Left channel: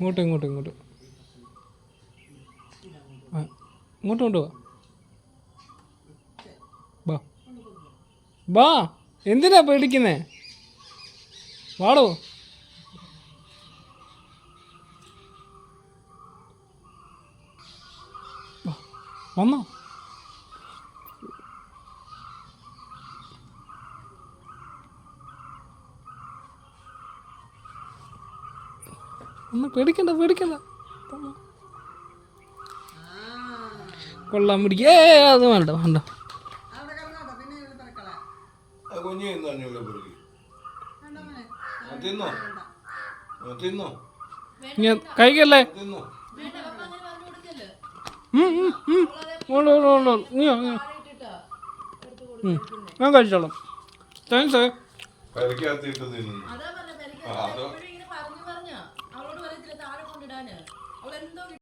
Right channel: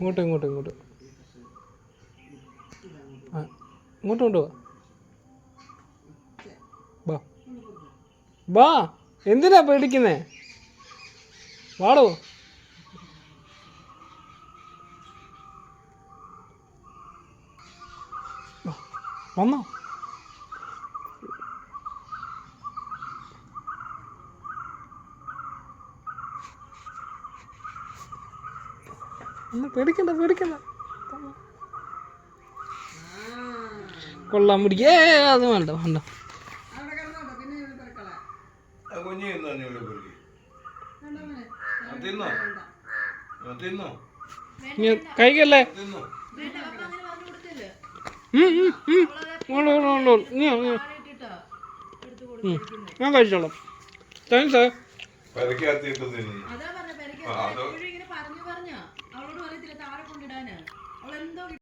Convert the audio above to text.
ഇങ്ങോട്ട് ഇങ്ങോട്ട് ഇങ്ങോട്ട് ആ ഇങ്ങോട്ട് കൊണ്ടുപോവാ ബാ ബാ എന്തിനാ പേടിക്കുന്നേ വാടോ വന്നോ ഒന്ന് പേടിക്കണ്ട പേടിക്കണ്ട കൊള്ളാൻ പിടിക്കേ അത് വേണ്ട വേണ്ട കഴിക്കല്ലേ ഞാൻ കഴിച്ചോളാം താങ്ക്സ്